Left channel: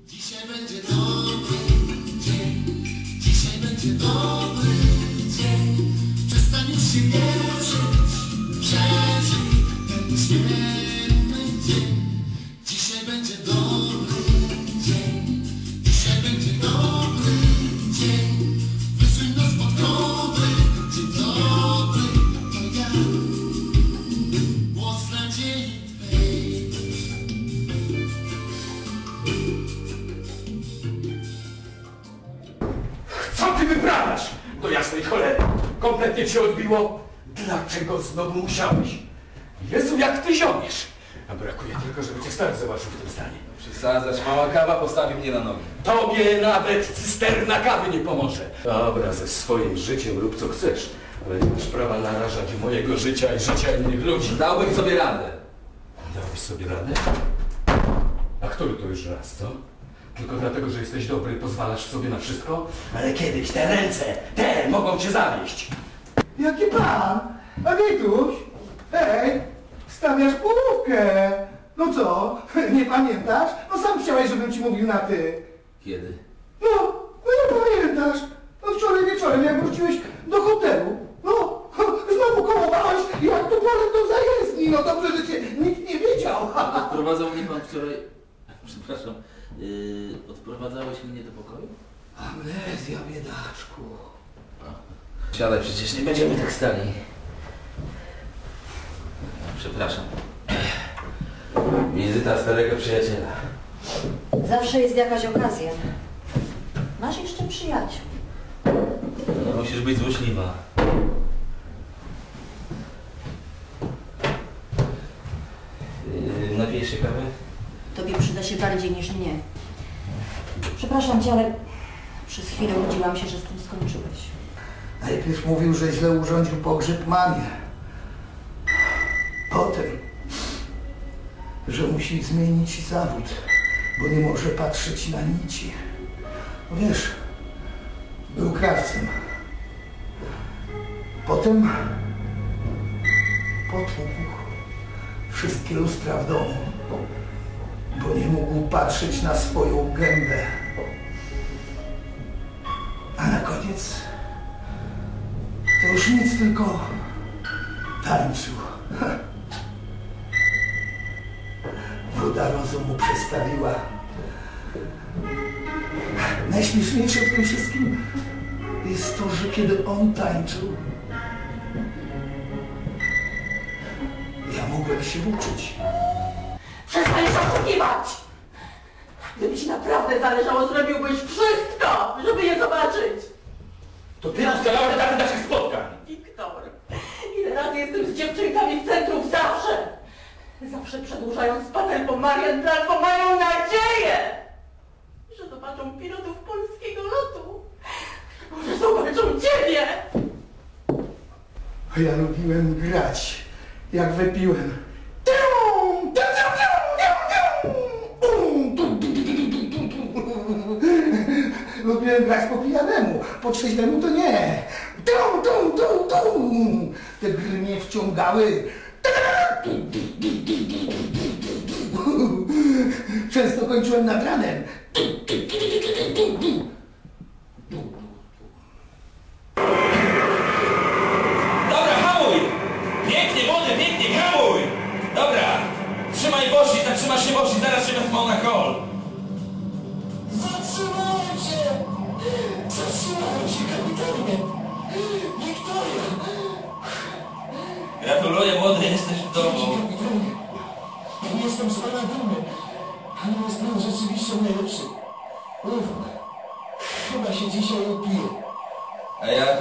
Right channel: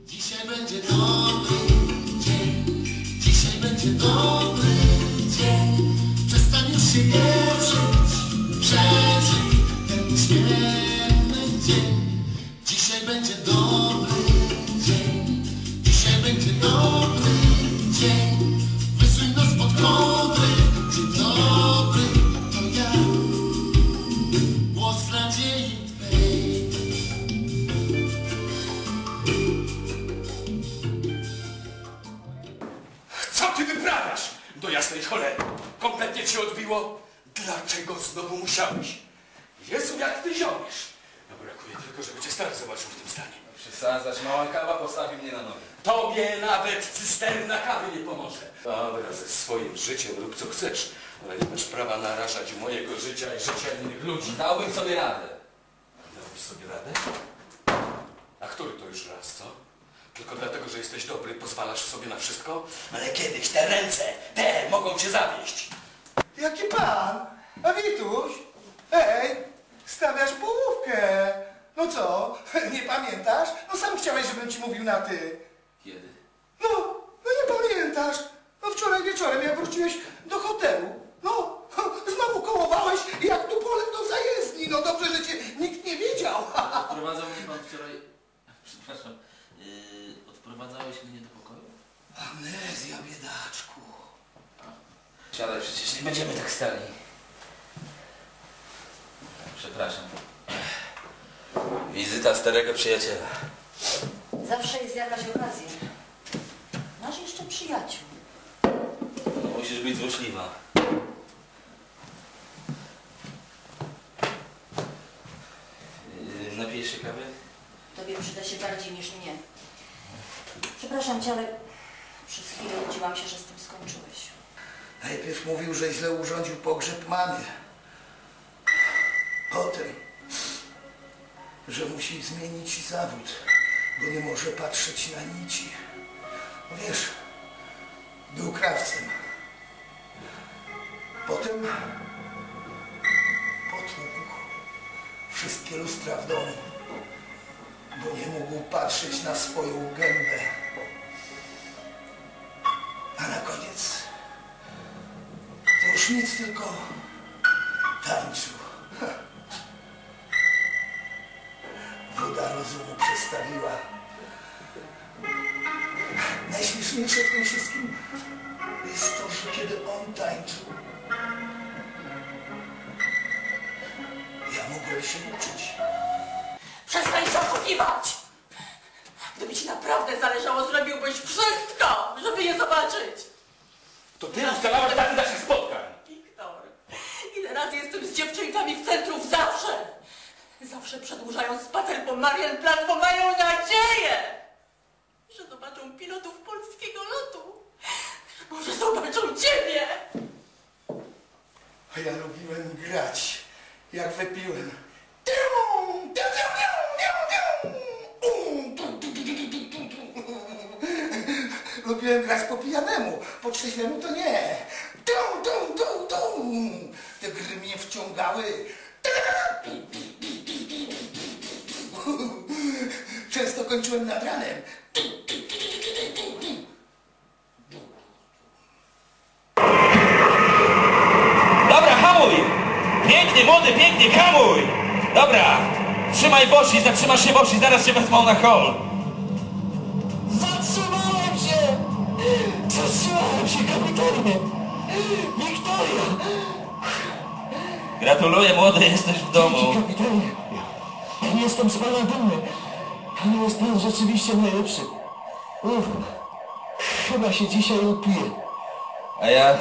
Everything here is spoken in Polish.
Dzisiaj będzie dobry dzień, dzisiaj będzie dobry dzień. Przestań już się cieszyć, przeżyj ten świetny ty wyprawiasz? Do jasnej cholery. Kompletnie cię odbiło. Dlaczego znowu musiałeś? Jezu, jak ty ziomiesz. A brakuje tylko, żeby cię stary zobaczył w tym stanie. Przesadzasz, mała kawa postawi mnie na nogi. Tobie nawet cysterna kawy nie pomoże. Dobra, ze swoim życiem rób co chcesz, ale nie masz prawa narażać mojego życia i życia innych ludzi. Dałbym sobie radę. Dałeś sobie radę? A który to już raz, co? Tylko dlatego, że jesteś dobry i pozwalasz sobie na wszystko? Ale kiedyś te ręce, te mogą cię zawieść. Jaki pan? A Wituś? Hej, stawiasz połówkę. No co, nie pamiętasz? No sam chciałeś, żebym ci mówił na ty. Kiedy? No, no nie pamiętasz. No wczoraj wieczorem, jak wróciłeś do hotelu. No, znowu kołowałeś jak tu polem do zajezdni. No dobrze, że cię nikt nie wiedział. Odprowadzał mnie pan wczoraj... Przepraszam. Yy, odprowadzałeś mnie do pokoju? Amnezja, biedaczku. Siadaj, przecież nie będziemy tak stali. Przepraszam. Wizyta starego przyjaciela. Zawsze jest jakaś okazja. Masz jeszcze przyjaciół. No, musisz być złośliwa. Yy, napijesz się kawy? Się bardziej niż mnie. Przepraszam cię, ale przez chwilę łudziłam się, że z tym skończyłeś. Najpierw mówił, że źle urządził pogrzeb mamie. Potem, że musi zmienić zawód, bo nie może patrzeć na nici. No wiesz, był krawcem. Potem potłukł wszystkie lustra w domu, bo nie mógł patrzeć na swoją gębę. A na koniec to już nic, tylko tańczył. Woda rozumu przestawiła. Najśmieszniejsze w tym wszystkim jest to, że kiedy on tańczył, ja mogłem się uczyć. Oszukiwać! Gdyby ci naprawdę zależało, zrobiłbyś wszystko, żeby je zobaczyć! To ty ustalałeś daty naszych spotkań. Wiktor, ile razy jestem z dziewczynkami w centrum zawsze! Zawsze przedłużają spacer po Marienplan, bo mają nadzieję, że zobaczą pilotów polskiego lotu. Może zobaczą ciebie! A ja lubiłem grać, jak wypiłem. Lubiłem grać po pijanemu, po trzeźwemu to nie. Dum, dum, dum, dum. Te gry mnie wciągały. Często kończyłem nad ranem. Dobra, hamuj! Pięknie, młody, pięknie, hamuj! Dobra, trzymaj bosi, zatrzymasz się bosi, zaraz się wezmą na hol. Gratuluję, młody, jesteś w domu. Kapitanie! Jestem z pana dumny, ale jest pan rzeczywiście najlepszy. Uff, chyba się dzisiaj upiję. A ja